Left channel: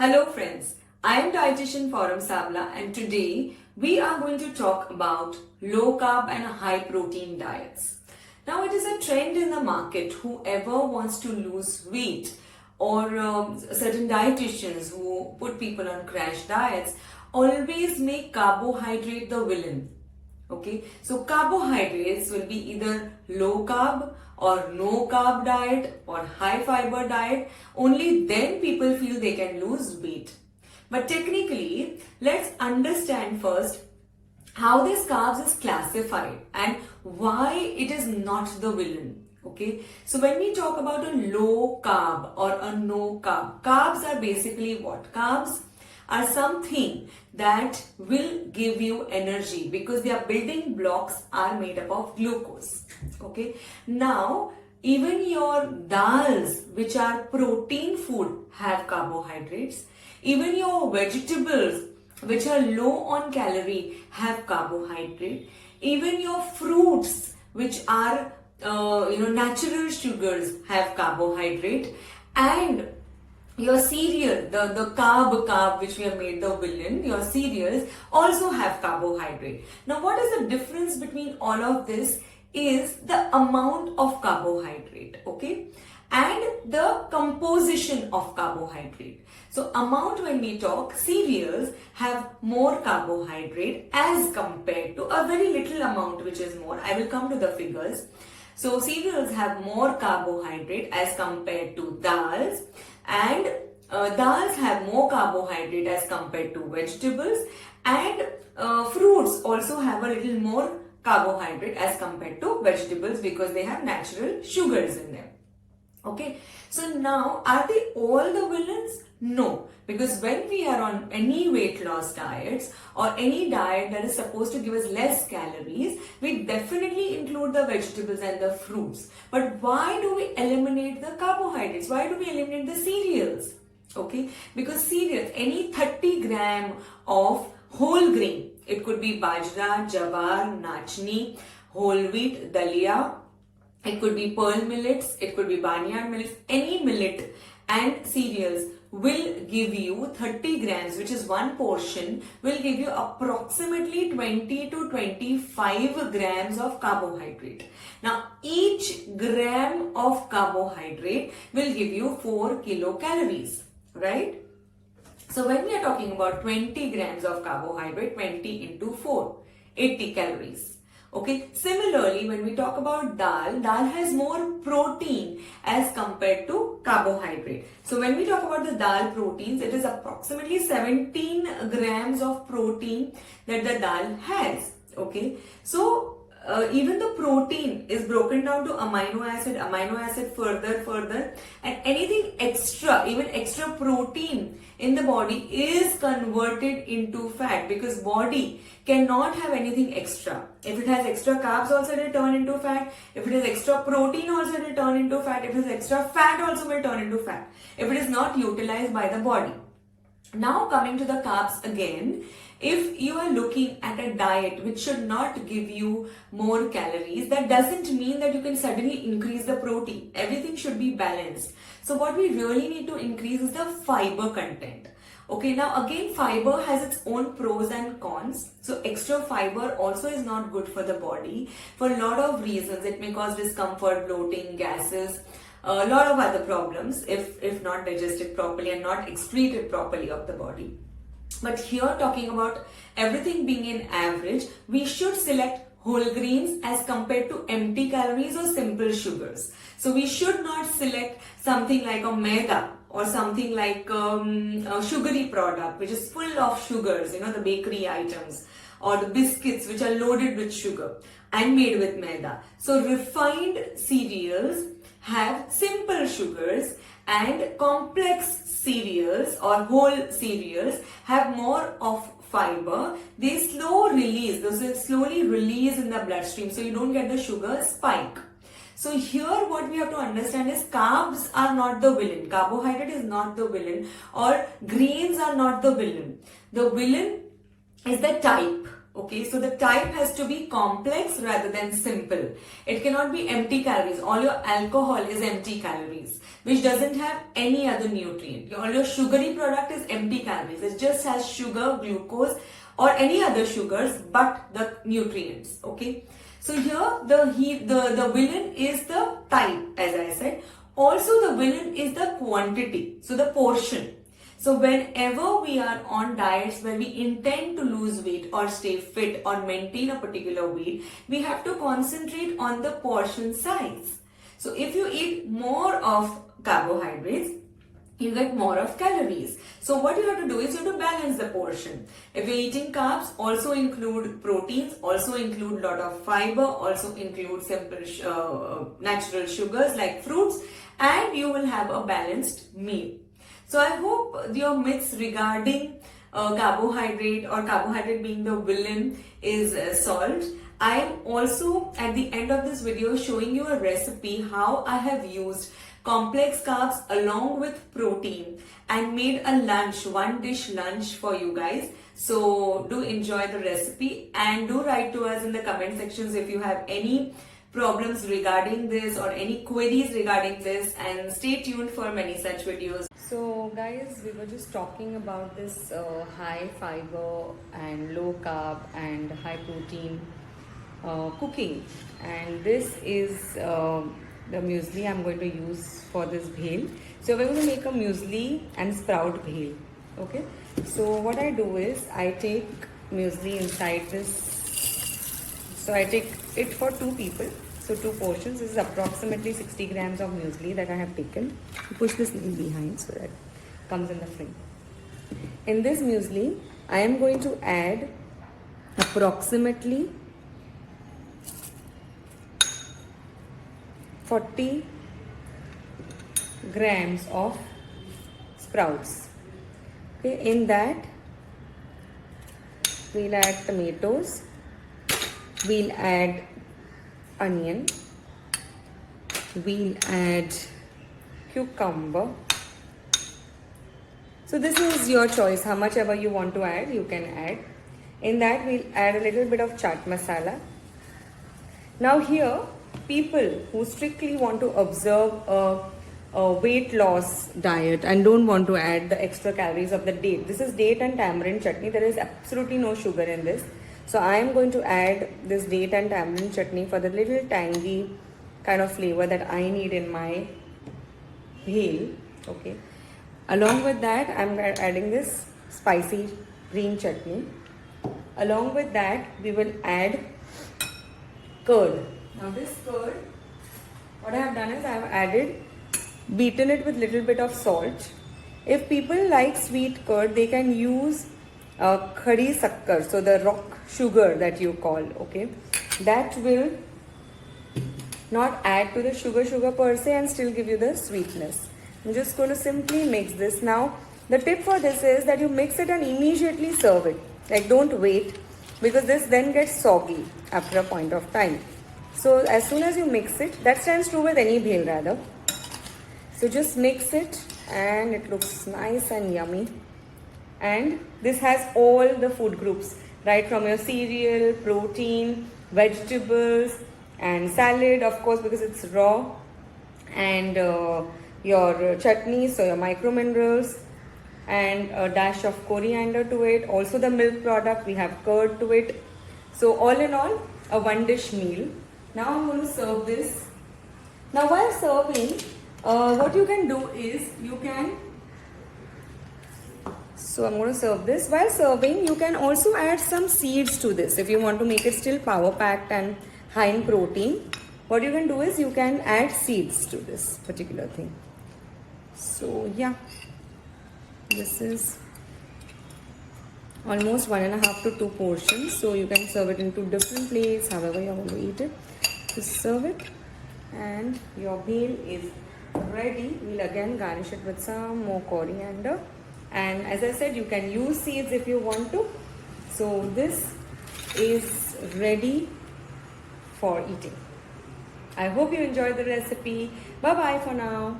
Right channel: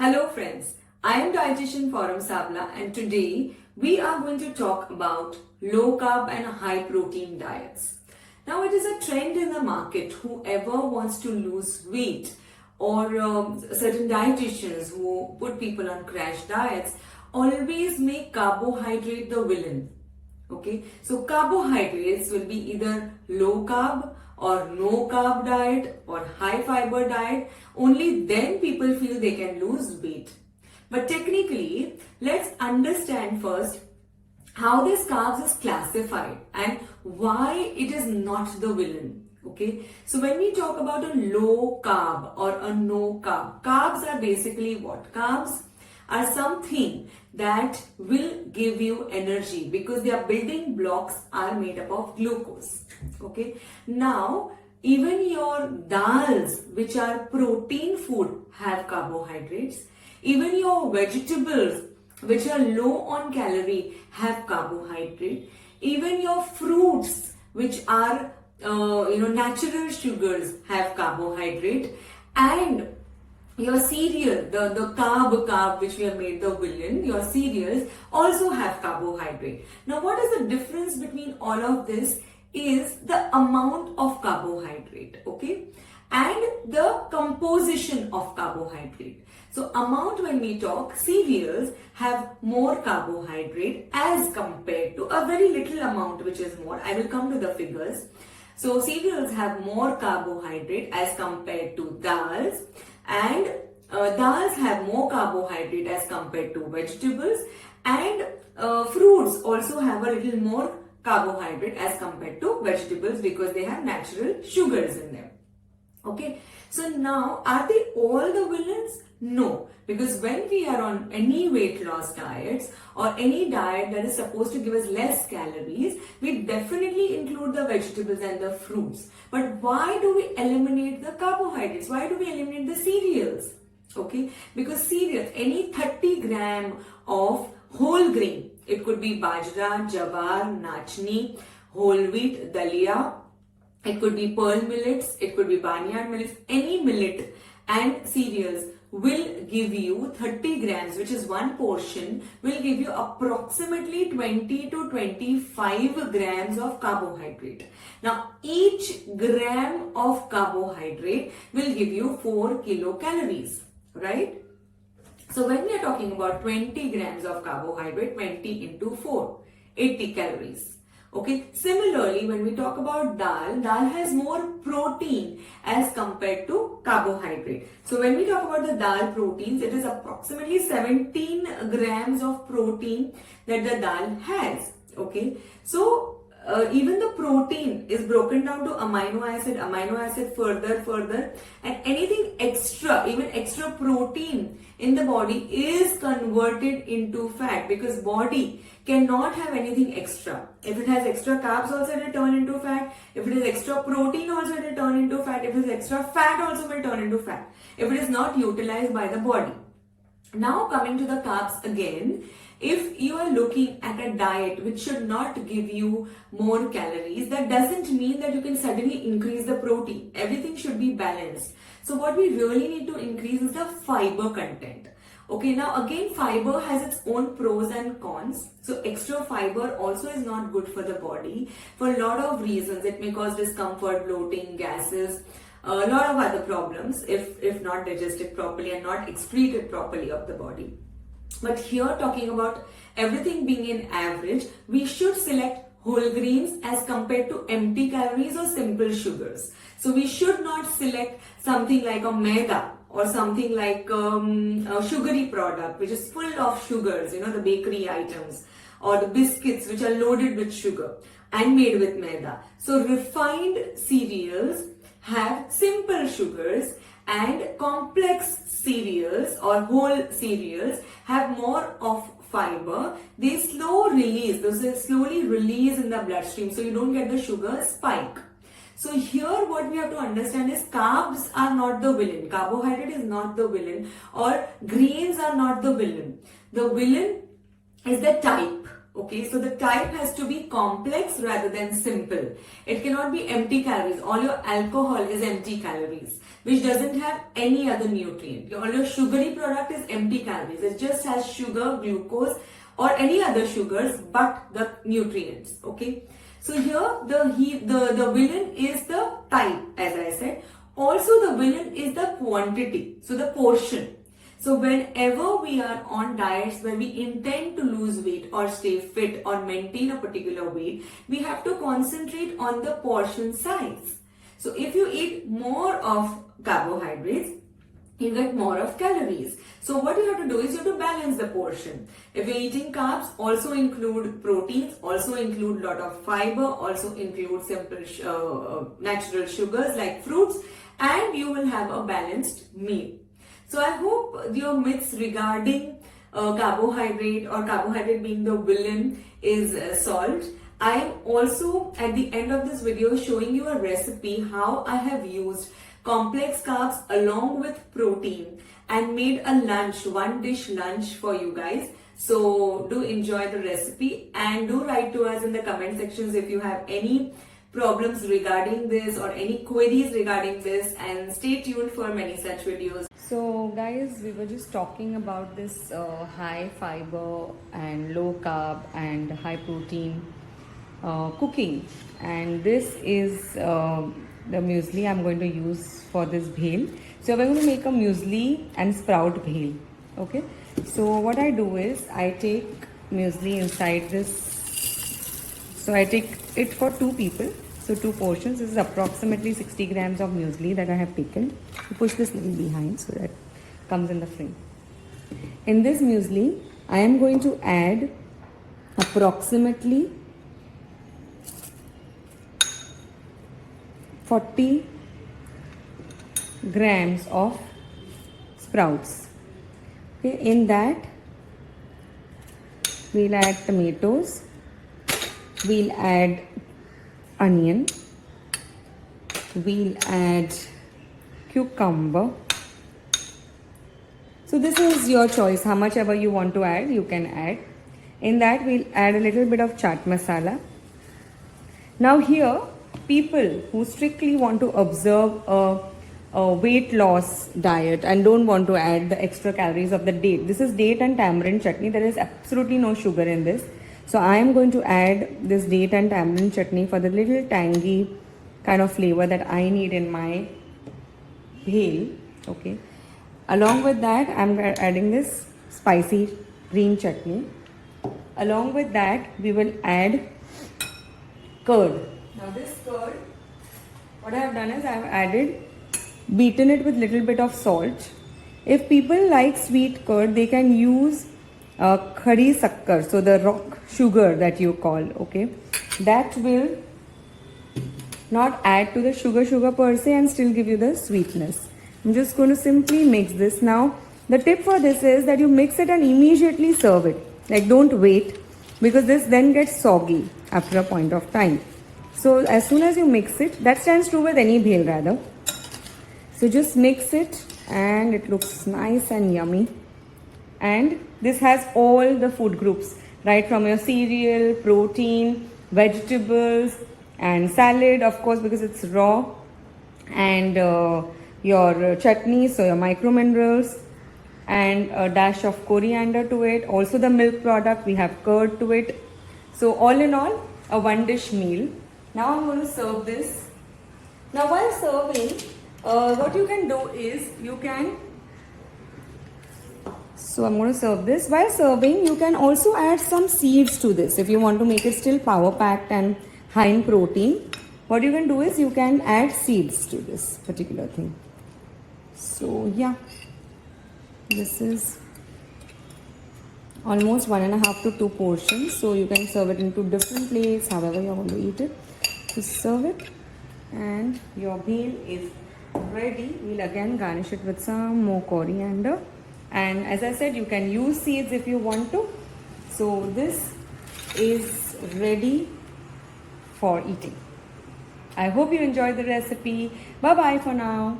Hello friends, I am dietitian Forum Sabla and today we are going to talk about low carb and high protein diets. Now it is a trend in the market, whoever wants to lose weight or certain dietitians who put people on crash diets always make carbohydrate the villain. Okay, so carbohydrates will be either low carb or no carb diet or high fiber diet. Only then people feel they can lose weight. But technically, let's understand first how this carbs is classified and why it is not the villain. Okay, so when we talk about a low carb or a no carb, carbs are basically what? Carbs are something that will give you energy because their building blocks are made up of glucose. Okay, now even your dals, which are protein food, have carbohydrates. Even your vegetables, which are low on calorie, have carbohydrate. Even your fruits, which are natural sugars, have carbohydrate. And your cereal, the carb which we have made the villain, your cereals also have carbohydrate. Now what is the difference between all of this is the amount of carbohydrate, okay, and the composition of carbohydrate. So amount, when we talk, cereals have more carbohydrate as compared to a very little amount which is more. I will come to the figures. So cereals have more carbohydrate as compared to dals, and dals have more carbohydrate as compared to vegetables, and fruits also have a little more carbohydrate as compared to vegetables because they have natural sugars in them. Okay, so now are they all the villains? No, because when we are on any weight loss diets or any diet that is supposed to give us less calories, we definitely include the vegetables and the fruits. But why do we eliminate the carbohydrates? Why do we eliminate the cereals? Okay, because cereals, any 30 gram of whole grain, it could be bajra, jawar, nachni, whole wheat, dalia, it could be pearl millets, it could be barnyard millets, any millet and cereals will give you 30 grams, which is one portion, will give you approximately 20 to 25 grams of carbohydrate. Now, each gram of carbohydrate will give you 4 kilocalories, right? So, when we are talking about 20 grams of carbohydrate, 20 into 4, 80 calories. Okay, similarly, when we talk about dal has more protein as compared to carbohydrate. So when we talk about the dal proteins, it is approximately 17 grams of protein that the dal has. Okay, so even the protein is broken down to amino acid further, and anything extra, even extra protein in the body is converted into fat because body cannot have anything extra. If it has extra carbs also it will turn into fat. If it has extra protein also it will turn into fat. If it has extra fat also will turn into fat. If it is not utilized by the body. Now coming to the carbs again, if you are looking at a diet which should not give you more calories, that doesn't mean that you can suddenly increase the protein. Everything should be balanced. So what we really need to increase is the fiber content. Okay, now again, fiber has its own pros and cons. So extra fiber also is not good for the body for a lot of reasons. It may cause discomfort, bloating, gases, a lot of other problems if not digested properly and not excreted properly of the body. But here, talking about everything being in average, we should select whole grains as compared to empty calories or simple sugars. So we should not select something like a maida or something like a sugary product which is full of sugars, the bakery items, or the biscuits which are loaded with sugar and made with maida. So refined cereals have simple sugars, and complex cereals or whole cereals have more of fiber. They slowly release in the bloodstream, so you don't get the sugar spike. So here what we have to understand is carbs are not the villain, carbohydrate is not the villain, or grains are not the villain. The villain is the type. Okay, so the type has to be complex rather than simple. It cannot be empty calories. All your alcohol is empty calories, which doesn't have any other nutrient. All your sugary product is empty calories. It just has sugar, glucose, or any other sugars, but the nutrients. Okay, so here the villain is the type, as I said. Also, the villain is the quantity, so the portion. So whenever we are on diets where we intend to lose weight or stay fit or maintain a particular weight, we have to concentrate on the portion size. So if you eat more of carbohydrates, you get more of calories. So what you have to do is you have to balance the portion. If you're eating carbs, also include proteins, also include a lot of fiber, also include simple natural sugars like fruits, and you will have a balanced meal. So I hope your myths regarding carbohydrate or carbohydrate being the villain is solved. I am also at the end of this video showing you a recipe how I have used complex carbs along with protein and made a lunch, one dish lunch for you guys. So do enjoy the recipe and do write to us in the comment sections if you have any problems regarding this or any queries regarding this, and stay tuned for many such videos. So guys, we were just talking about this high fiber and low carb and high protein cooking, and this is the muesli I'm going to use for this bhel. So we're going to make a muesli and sprout bhel. Okay, so what I do is I take muesli inside this. So I take it for 2 people. So 2 portions. This is approximately 60 grams of muesli that I have taken. You push this little behind so that it comes in the frame. In this muesli, I am going to add approximately 40 grams of sprouts. Okay, in that, we'll add tomatoes, we'll add onion, we'll add cucumber. So this is your choice, how much ever you want to add, you can add. In that we'll add a little bit of chaat masala. Now here, people who strictly want to observe a weight loss diet and don't want to add the extra calories of the date. This is date and tamarind chutney. There is absolutely no sugar in this. So I am going to add this date and tamarind chutney for the little tangy kind of flavor that I need in my bhel. Okay. Along with that, I am adding this spicy green chutney. Along with that, we will add curd. Now this curd, what I have done is I have added, beaten it with little bit of salt. If people like sweet curd, they can use khadi sakkar, so the rock sugar that you call, okay, that will not add to the sugar per se and still give you the sweetness. I'm just going to simply mix this. Now the tip for this is that you mix it and immediately serve it, like don't wait, because this then gets soggy after a point of time. So as soon as you mix it, that stands true with any bhel rather. So just mix it and it looks nice and yummy. And this has all the food groups, right from your cereal, protein, vegetables and salad, of course, because it's raw, and your chutney, so your micro minerals, and a dash of coriander to it. Also the milk product, we have curd to it. So all in all, a one dish meal. Now I'm going to serve this. Now while serving, what you can do is you can, so I'm going to serve this. While serving, you can also add some seeds to this if you want to make it still power packed and high in protein. What you can do is you can add seeds to this particular thing. So yeah, this is almost 1.5 to 2 portions. So you can serve it into different plates, however you want to eat it. Just serve it and your meal is ready. We'll again garnish it with some more coriander. And as I said, you can use seeds if you want to. So this is ready for eating. I hope you enjoyed the recipe. Bye bye for now.